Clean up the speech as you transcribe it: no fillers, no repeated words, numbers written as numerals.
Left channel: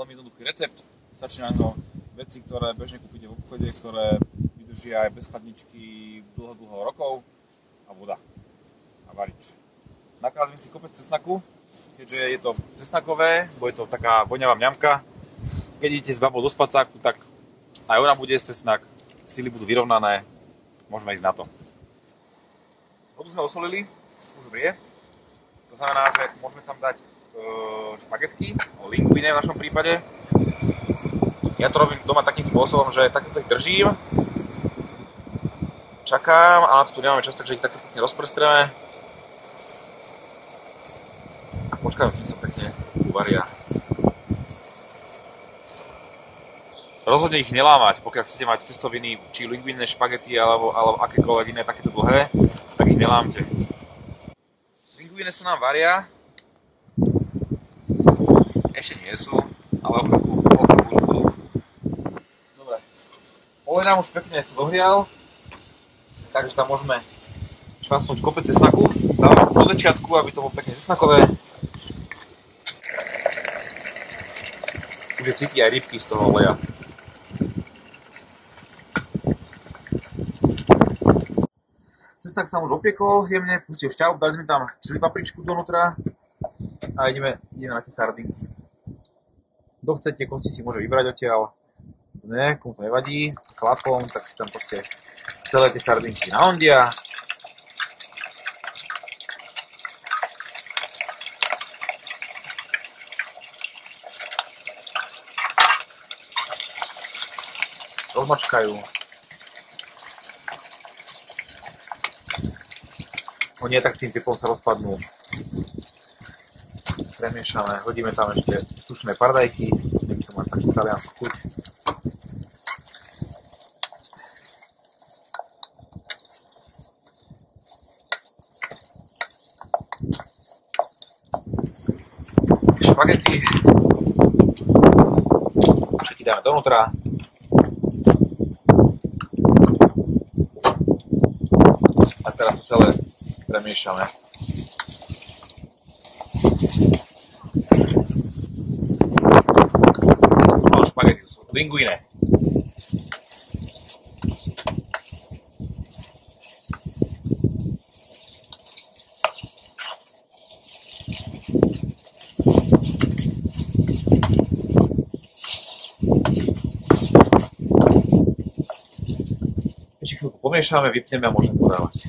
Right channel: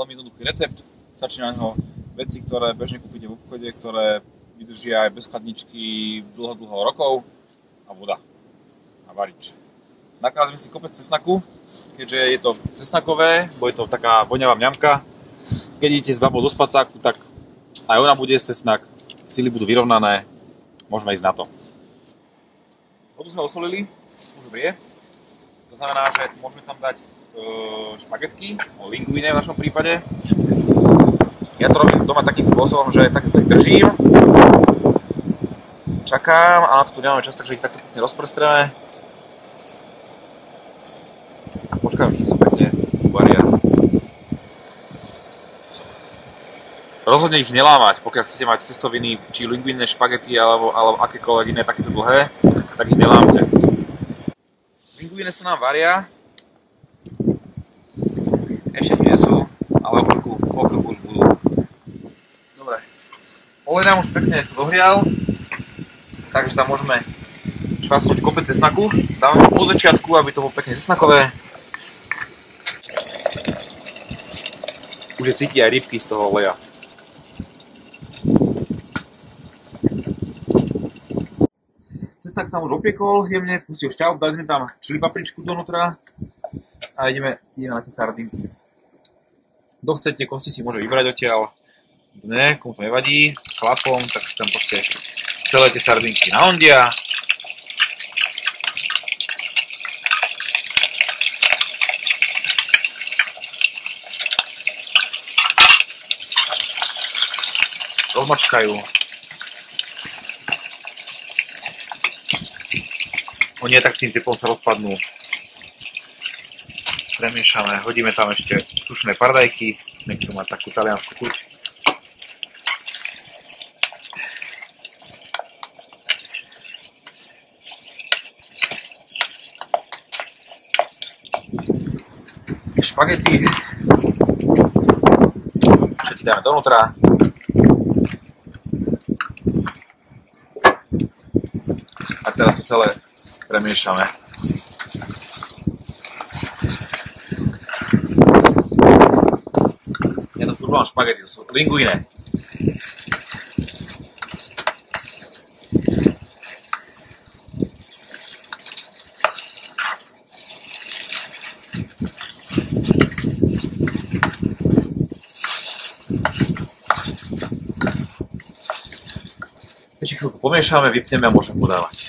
veľmi jednoduchý recept. Stačí na ňo veci, ktoré bežne kúpite v obchode, ktoré vydržia aj bez chladničky dlho rokov a voda a varič. Nakázme si kopec cesnaku, keďže je to cesnakové, bo je to taká voňavá mňamka. Keď idete s babou do spacáku, tak aj ona bude jesť cesnak, sily budú vyrovnané, môžeme ísť na to. Vodu sme osolili, už vrie. To znamená, že môžeme tam dať špagetky, linguine v našom prípade. Ja to robím doma takým spôsobom, že takto ich držím, čakám a na to tu nemáme čas, takže ich takto pekne rozprstreme a počkáme, kým sa pekne uvaria. Rozhodne ich nelámať, pokiaľ chcete mať cestoviny, či linguine, špagety alebo akékoľvek iné takéto dlhé, tak ich nelámte. Linguine sa nám varia. Ešte nie sú, ale o chvíľku už budú. Dobre. Olej nám už pekne sa dohrial, takže tam môžeme čvasnúť kopec cesnaku. Dávame po začiatku, aby to bolo pekne cesnakové. Už je cíti aj rybky z toho oleja. Cesnak sa už opiekol jemne, vpustil šťavu, dali sme tam čili papričku donútra a ideme na tie sardinky. Kto chce, tie kosti si môže vybrať odtiaľ. Ne, komu to nevadí, chlapom, tak si tam proste celé tie sardinky nahondia. Rozmačkajú. Oni aj tak tým typom sa rozpadnú. Premiešame, hodíme tam ešte sušené paradajky, nech to má takú taliansku chuť. Špagety. Všetky dáme donútra. A teraz to celé premiešame. Špagety, to sú linguine. Ešte chvíľku pomiešame, vypneme a môžeme podávať.